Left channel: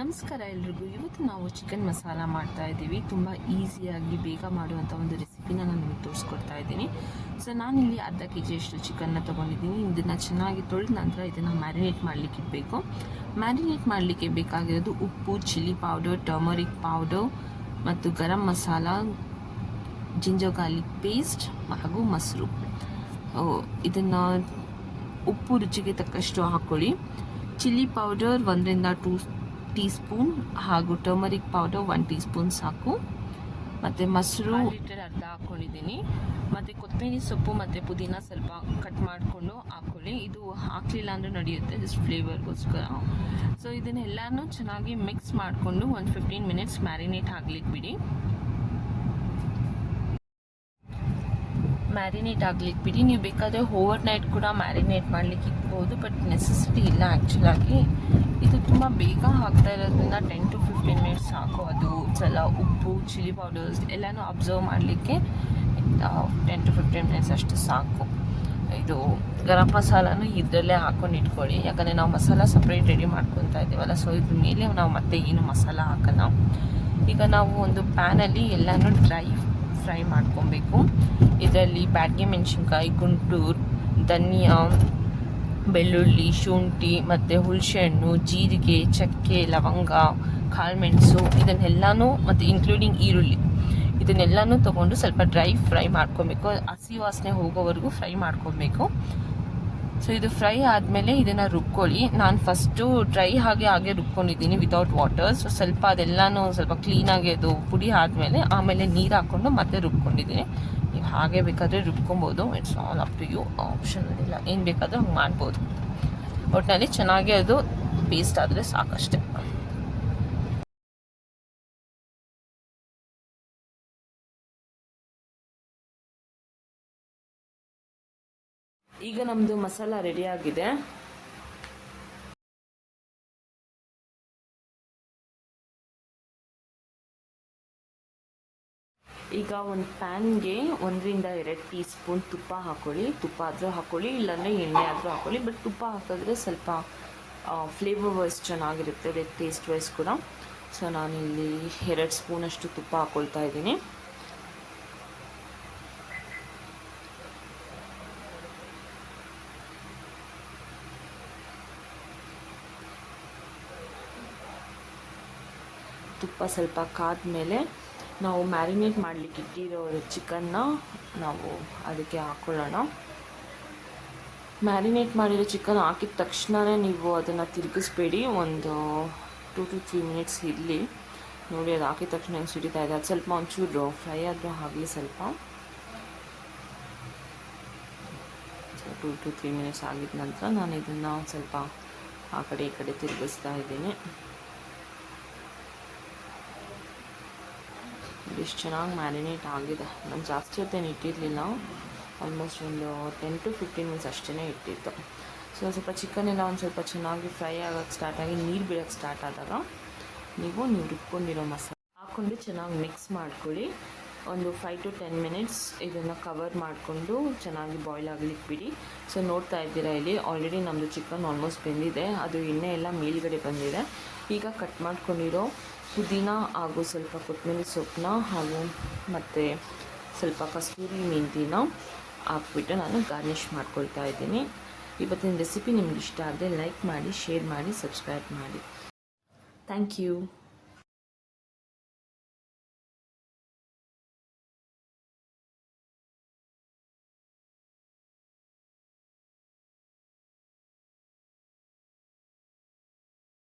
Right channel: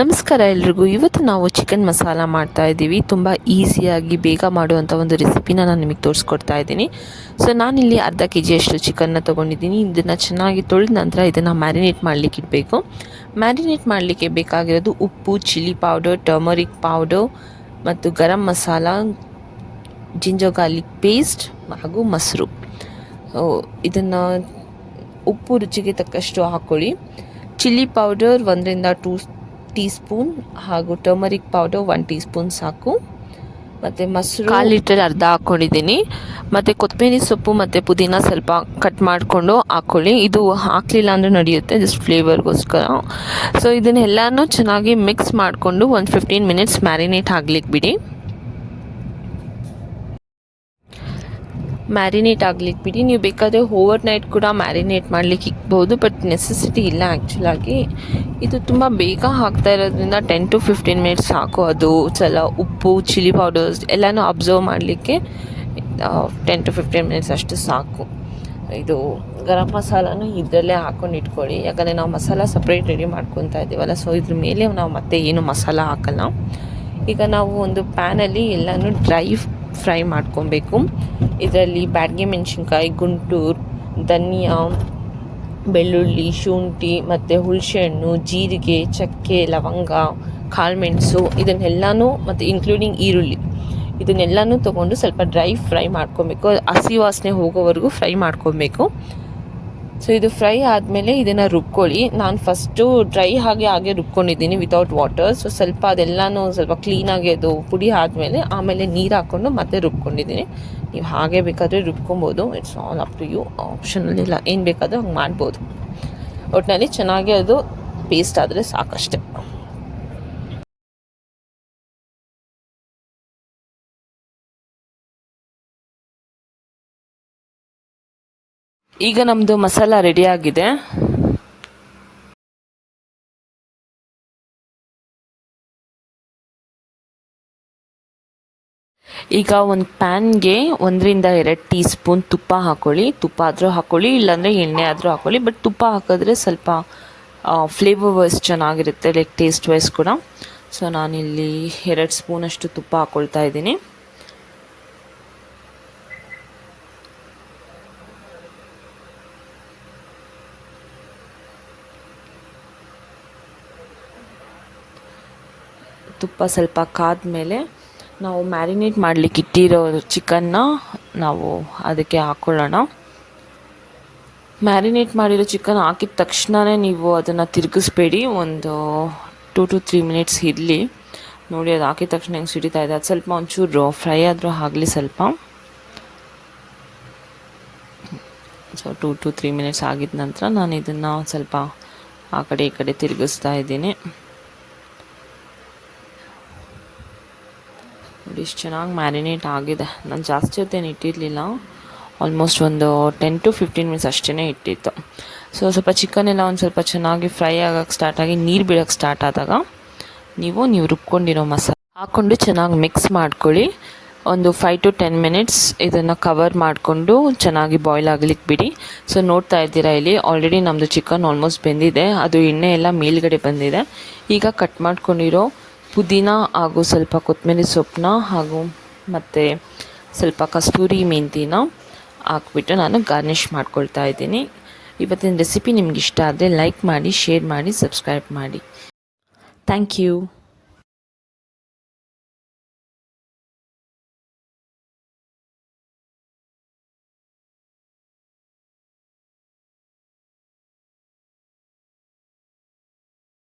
ನಮಸ್ಕಾರ ಎಲ್ರಿಗೂ. ಇವತ್ತು ನಾವು ಚಿಕನ್ ಮಸಾಲ ಮಾಡ್ತಾ ಇದ್ದೀವಿ. ತುಂಬ ಈಸಿಯಾಗಿ ಬೇಗ ಮಾಡುವಂಥ ಒಂದು ರೆಸಿಪಿನ ನಾನು ನಿಮಗೆ ತೋರಿಸ್ಕೊಡ್ತಾ ಇದ್ದೀನಿ. ಸೊ ನಾನಿಲ್ಲಿ ಅರ್ಧ kg ಅಷ್ಟು ಚಿಕನ್ನ ತೊಗೊಂಡಿದ್ದೀನಿ. ಇದನ್ನು ಚೆನ್ನಾಗಿ ತೊಳೆದ ನಂತರ ಇದನ್ನು ಮ್ಯಾರಿನೇಟ್ ಮಾಡಲಿಕ್ಕೆ ಇಡಬೇಕು. ಮ್ಯಾರಿನೇಟ್ ಮಾಡಲಿಕ್ಕೆ ಬೇಕಾಗಿರೋದು ಉಪ್ಪು, ಚಿಲ್ಲಿ ಪೌಡರ್, ಟರ್ಮರಿಕ್ ಪೌಡರ್ ಮತ್ತು garam masala, ginger garlic paste ಹಾಗೂ ಮೊಸರು. ಇದನ್ನು ಉಪ್ಪು ರುಚಿಗೆ ತಕ್ಕಷ್ಟು ಹಾಕ್ಕೊಳ್ಳಿ. ಚಿಲ್ಲಿ ಪೌಡರ್ 1 ರಿಂದ 2 ಟೀ ಸ್ಪೂನ್ ಹಾಗೂ ಟರ್ಮರಿಕ್ ಪೌಡರ್ 1 ಟೀ ಸ್ಪೂನ್ ಸಾಕು. ಮತ್ತು ಮೊಸರು 1/4 ಲೀಟರ್ ಅರ್ಧ ಹಾಕ್ಕೊಂಡಿದ್ದೀನಿ. ಮತ್ತು ಕೊತ್ತಂಬರಿ ಸೊಪ್ಪು ಮತ್ತು ಪುದೀನ ಸ್ವಲ್ಪ ಕಟ್ ಮಾಡಿಕೊಂಡು ಹಾಕ್ಕೊಳ್ಳಿ. ಇದು ಹಾಕಲಿಲ್ಲ ಅಂದರೆ ನಡೆಯುತ್ತೆ, ಜಸ್ಟ್ ಫ್ಲೇವರ್ಗೋಸ್ಕರ. ಸೊ ಇದನ್ನೆಲ್ಲನೂ ಚೆನ್ನಾಗಿ ಮಿಕ್ಸ್ ಮಾಡಿಕೊಂಡು ಒಂದು 15 ಮಿನಿಟ್ಸ್ ಮ್ಯಾರಿನೇಟ್ ಆಗ್ಲಿಕ್ಕೆ ಬಿಡಿ. ನೀವು ಬೇಕಾದರೆ ಓವರ್ ನೈಟ್ ಕೂಡ ಮ್ಯಾರಿನೇಟ್ ಮಾಡಲಿಕ್ಕೆ ಇಕ್ಬೋದು, ಬಟ್ ನೆಸೆಸಿಟಿ ಇಲ್ಲ ಆ್ಯಕ್ಚುಲಾಗಿ. ಇದು ತುಂಬ ಬೇಗ ಹಾಕ್ತಾ ಇರೋದ್ರಿಂದ 10 to 15 ಮಿನಿಟ್ಸ್ ಸಾಕು. ಅದು ಉಪ್ಪು, ಚಿಲ್ಲಿ ಪೌಡರ್ಸ್ ಎಲ್ಲನೂ ಅಬ್ಸರ್ವ್ ಮಾಡಲಿಕ್ಕೆ 10 to 15 ಮಿನಿಟ್ಸ್ ಅಷ್ಟು ಸಾಕು. ಇದು ಗರಂ ಮಸಾಲನೂ ಇದರಲ್ಲೇ ಹಾಕ್ಕೊಂಡು ಇಟ್ಕೊಳ್ಳಿ, ಯಾಕಂದರೆ ನಾವು ಮಸಾಲ ಸಪ್ರೇಟ್ ರೆಡಿ ಮಾಡ್ಕೊತಾ ಇದ್ದೀವಲ್ಲ. ಸೊ ಇದ್ರ ಮೇಲೆ ನಾವು ಮತ್ತೆ ಏನು ಮಸಾಲ ಹಾಕಲ್ಲ. ಈಗ ನಾವು ಒಂದು ಪ್ಯಾನಲ್ಲಿ ಎಲ್ಲನೂ ಡ್ರೈ ಫ್ರೈ ಮಾಡ್ಕೊಬೇಕು. ಇದರಲ್ಲಿ ಬ್ಯಾಡಗೆ ಮೆಣಸಿನ್ಕಾಯಿ, ಗುಂಟೂರು ಧನಿಯಾ, ಬೆಳ್ಳುಳ್ಳಿ, ಶುಂಠಿ ಮತ್ತು ಹುಣಸೆಹಣ್ಣು, ಜೀರಿಗೆ, ಚಕ್ಕೆ, ಲವಂಗ, ಕಾಳುಮೆಣಸು ಇದನ್ನೆಲ್ಲನೂ ಮತ್ತು ಇನ್ಕ್ಲೂಡಿಂಗ್ ಈರುಳ್ಳಿ ಇದನ್ನೆಲ್ಲನೂ ತೊಗೊಂಡು ಸ್ವಲ್ಪ ಡ್ರೈ ಫ್ರೈ ಮಾಡ್ಕೊಬೇಕು. ಹಸಿ ವಾಸನೆ ಹೋಗೋವರೆಗೂ ಫ್ರೈ ಮಾಡ್ಕೊಬೇಕು. ಸೊ ಇದು ಫ್ರೈ ಆದಮೇಲೆ ಇದನ್ನು ರುಬ್ಕೊಳ್ಳಿ. ನಾನು ಫಸ್ಟು ಡ್ರೈ ಹಾಗೆ ರುಬ್ಕೊಂಡಿದ್ದೀನಿ ವಿತೌಟ್ ವಾಟರ್. ಸೊ ಸ್ವಲ್ಪ ಅದೆಲ್ಲನೂ ಸ್ವಲ್ಪ ಕ್ಲೀನಾಗಿ ಅದು ಪುಡಿ ಆಮೇಲೆ ನೀರು ಹಾಕ್ಕೊಂಡು ಮತ್ತೆ ರುಬ್ಕೊಂಡಿದ್ದೀನಿ. ನೀವು ಹಾಗೆ ಬೇಕಾದರೆ ರುಬ್ಕೊಬೋದು. It's all up to you, ಆಪ್ಷನಲ್ಲಿ ಇಲ್ಲ, ಏನು ಬೇಕಾದರೂ ಹಂಗೆ ಮಾಡ್ಬೋದು. ಒಟ್ಟಿನಲ್ಲಿ ಚೆನ್ನಾಗಿ ಅದು ಪೇಸ್ಟ್ ಆದರೆ ಸಾಕಷ್ಟೆ. ಈಗ ನಮ್ಮದು ಮಸಾಲ ರೆಡಿಯಾಗಿದೆ. ಈಗ ಒಂದು ಪ್ಯಾನ್ಗೆ 1 ರಿಂದ 2 ಟೀ ಸ್ಪೂನ್ ತುಪ್ಪ ಹಾಕ್ಕೊಳ್ಳಿ. ತುಪ್ಪ ಆದರೂ ಹಾಕ್ಕೊಳ್ಳಿ, ಇಲ್ಲಾಂದರೆ ಎಣ್ಣೆ ಆದರೂ ಹಾಕ್ಕೊಳ್ಳಿ. ಬಟ್ ತುಪ್ಪ ಹಾಕಿದ್ರೆ ಸ್ವಲ್ಪ ಫ್ಲೇವರ್ ವೈಸ್ ಚೆನ್ನಾಗಿರುತ್ತೆ, ಲೈಕ್ ಟೇಸ್ಟ್ ವೈಸ್ ಕೂಡ. ಸೊ ನಾನಿಲ್ಲಿ 2 ಸ್ಪೂನಷ್ಟು ತುಪ್ಪ ಹಾಕ್ಕೊಳ್ತಾ ಇದ್ದೀನಿ. ತುಪ್ಪ ಸ್ವಲ್ಪ ಕಾದ ಮೇಲೆ ನಾವು ಮ್ಯಾರಿನೇಟ್ ಮಾಡಲಿಕ್ಕೆ ಇಟ್ಟಿರೋ ಚಿಕನ್ನ ನಾವು ಅದಕ್ಕೆ ಹಾಕ್ಕೊಳ್ಳೋಣ. ಮ್ಯಾರಿನೇಟ್ ಮಾಡಿರೋ ಚಿಕನ್ ಹಾಕಿದ ತಕ್ಷಣವೇ ನೀವು ಅದನ್ನು ತಿರುಗಿಸ್ಬೇಡಿ. ಒಂದು 2 to 3 ಮಿನಿಟ್ಸ್ ಇರಲಿ. ನೋಡಿ, ಅದು ಹಾಕಿದ ತಕ್ಷಣ ಹೆಂಗೆ ಸಿಡಿತಾ ಇದೆ. ಅದು ಸ್ವಲ್ಪ ಒಂಚೂರು ಫ್ರೈ ಆದರೂ ಆಗಲಿ ಸ್ವಲ್ಪ. ಸೊ 2 to 3 ಮಿನಿಟ್ಸ್ ಆಗಿದ ನಂತರ ನಾನು ಇದನ್ನು ಸ್ವಲ್ಪ ಆ ಕಡೆ ಈ ಕಡೆ ತಿರುಗಿಸ್ತಾ ಇದ್ದೀನಿ. ಇಷ್ಟು ಚೆನ್ನಾಗಿ ಮ್ಯಾರಿನೇಟ್ ಆಗಿದೆ. ನಾನು ಜಾಸ್ತಿ ಹೊತ್ತೇನು ಇಟ್ಟಿರಲಿಲ್ಲ, ಆಲ್ಮೋಸ್ಟ್ ಒಂದು 10 to 15 ಮಿನಿಟ್ಸ್ ಅಷ್ಟೇ ಇಟ್ಟಿತ್ತು. ಸೊ ಸ್ವಲ್ಪ ಚಿಕನ್ ಎಲ್ಲ ಒಂದು ಸ್ವಲ್ಪ ಚೆನ್ನಾಗಿ ಫ್ರೈ ಆಗೋಕ್ಕೆ ಸ್ಟಾರ್ಟ್ ಆಗಿ ನೀರು ಬೀಳೋಕ್ಕೆ ಸ್ಟಾರ್ಟ್ ಆದಾಗ ನೀವು ರುಬ್ಕೊಂಡಿರೋ ಮಸಾಲೆ ಹಾಕ್ಕೊಂಡು ಚೆನ್ನಾಗಿ ಮಿಕ್ಸ್ ಮಾಡ್ಕೊಳ್ಳಿ. ಒಂದು 5 to 10 ಮಿನಿಟ್ಸ್ ಇದನ್ನು ಕವರ್ ಮಾಡಿಕೊಂಡು ಚೆನ್ನಾಗಿ ಬಾಯ್ಲ್ ಆಗಲಿಕ್ಕೆ ಬಿಡಿ. ಸೊ ನೋಡ್ತಾ ಇದ್ದೀರಾ, ಇಲ್ಲಿ ಆಲ್ರೆಡಿ ನಮ್ಮದು ಚಿಕನ್ ಆಲ್ಮೋಸ್ಟ್ ಬೆಂದಿದೆ. ಅದು ಎಣ್ಣೆ ಎಲ್ಲ ಮೇಲ್ಗಡೆ ಬಂದಿದೆ. ಈಗ ಕಟ್ ಮಾಡ್ಕೊಂಡಿರೋ ಪುದೀನ ಹಾಗೂ ಸ್ವಲ್ಪ ಕೊತ್ತಂಬರಿ ಸೊಪ್ಪನ್ನ ಹಾಗೂ ಮತ್ತು ಸ್ವಲ್ಪ ಕಸ್ತೂರಿ ಮೆಂತಿನ ಹಾಕ್ಬಿಟ್ಟು ನಾನು ಗಾರ್ನಿಷ್ ಮಾಡ್ಕೊಳ್ತಾ ಇದ್ದೀನಿ. ಇವತ್ತಿನ ರೆಸಿಪಿ ನಿಮ್ಗೆ ಇಷ್ಟ ಆದರೆ ಲೈಕ್ ಮಾಡಿ, ಶೇರ್ ಮಾಡಿ, ಸಬ್ಸ್ಕ್ರೈಬ್ ಮಾಡಿ. Thank you.